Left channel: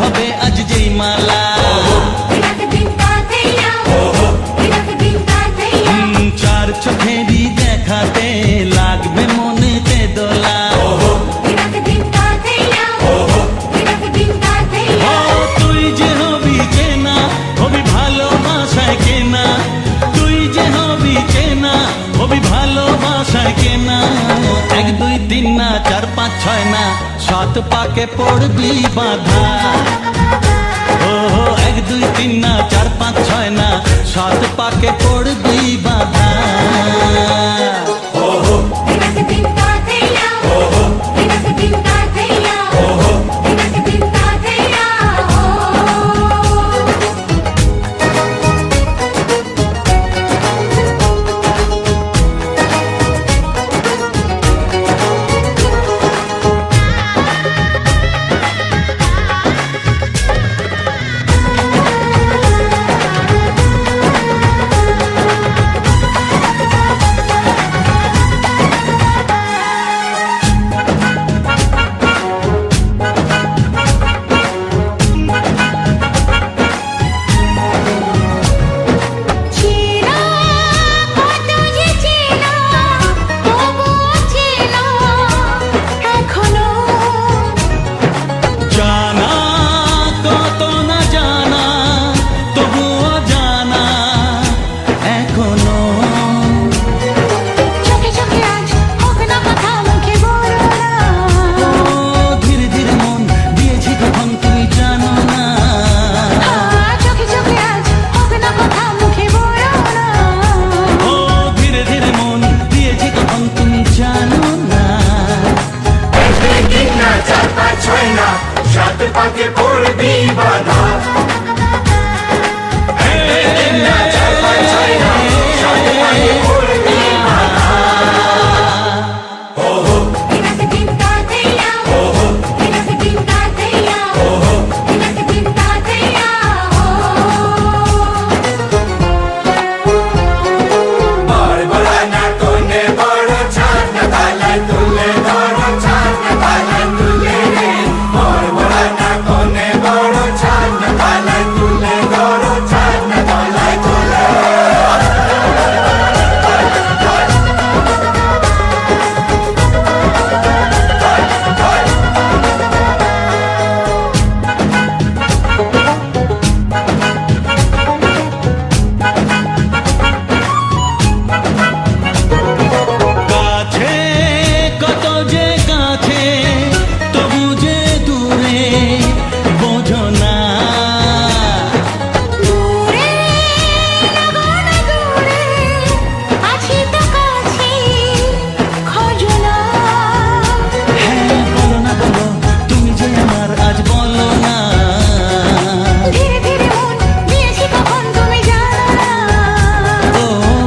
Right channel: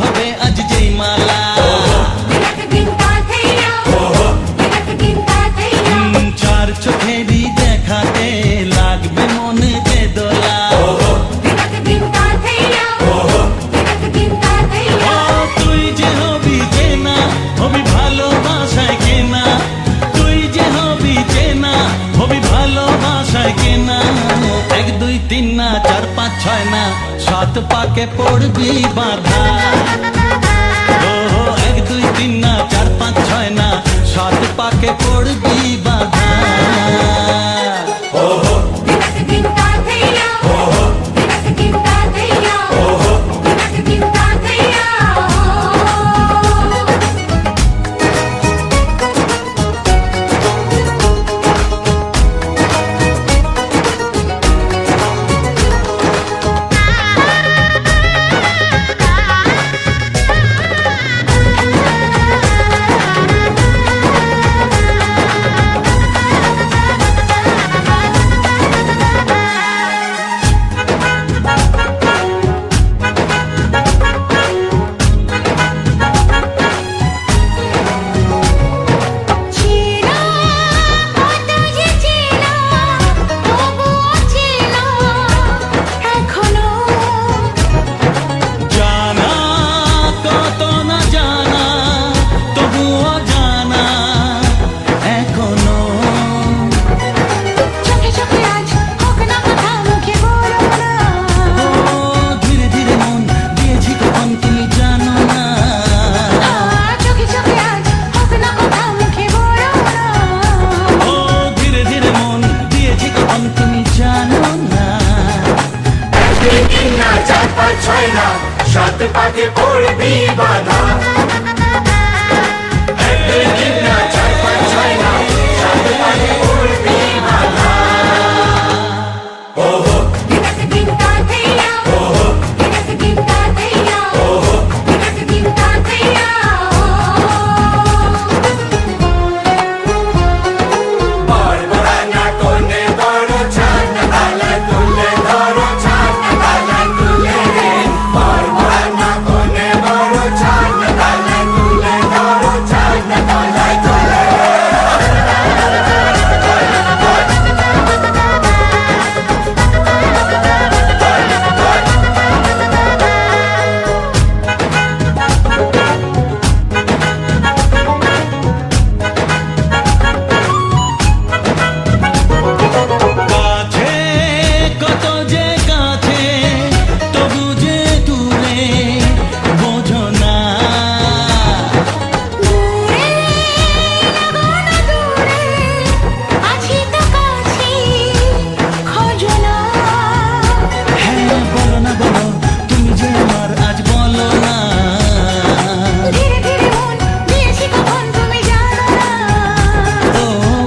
হবে আজ যেই মালা। চার চোখেরই দেখাতে লাগবে মনেতে দোলা। ও তুই যে হবি চেনা, হবি ভালোবাসায় কেনা। তুই যে হবি চেনা, হবি ভালোবাসায় কেনা। 1 2 3 না 4 5 6 না 7 পাকে পড়বি বাঁধা। ও 1 2 3 না 4 5 6 না 7 পাকে পড়বি বাঁধা। জানা কত না জানা, তবুও জানা এখনো। চোখে চোখে আজ হোক না কথা, মুখে বলো না। ও ধীরে ধীরে মন দিয়েছি কখন তুমি জানো না। চোখে চোখে আজ হোক না কথা, মুখে বলো না। ও ধীরে ধীরে মন দিয়েছি কখন তুমি জানো না। 4 5 6 না 7 পাকে পড়বি বাঁধা। কত যে কাছে তবু যে দূরে বোঝো না। দূরে লাগো না দূরে, আছি তো কাছে, খোঁজো না। হ্যাঁ বলো না বলো, তুমি যে আমার আজ বলো না। ধীরে ধীরে মন দিয়েছি কখন তুমি জানো না। ও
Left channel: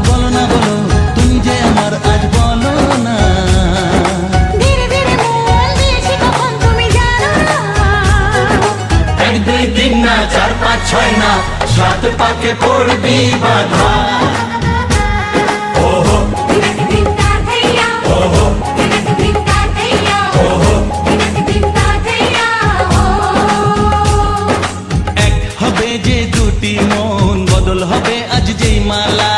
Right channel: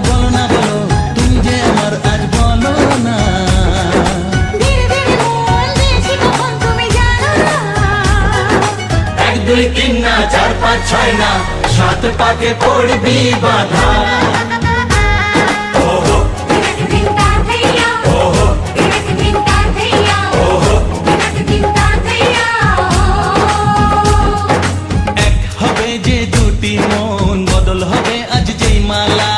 বলো না বলো, তুমি যে আমার আজ বলো না। 1 2 3 না 4 5 6 না 7 পাকে পড়বি বাঁধা। এক হবে যে দুটি মন, বদল হবে আজ যেই মালা।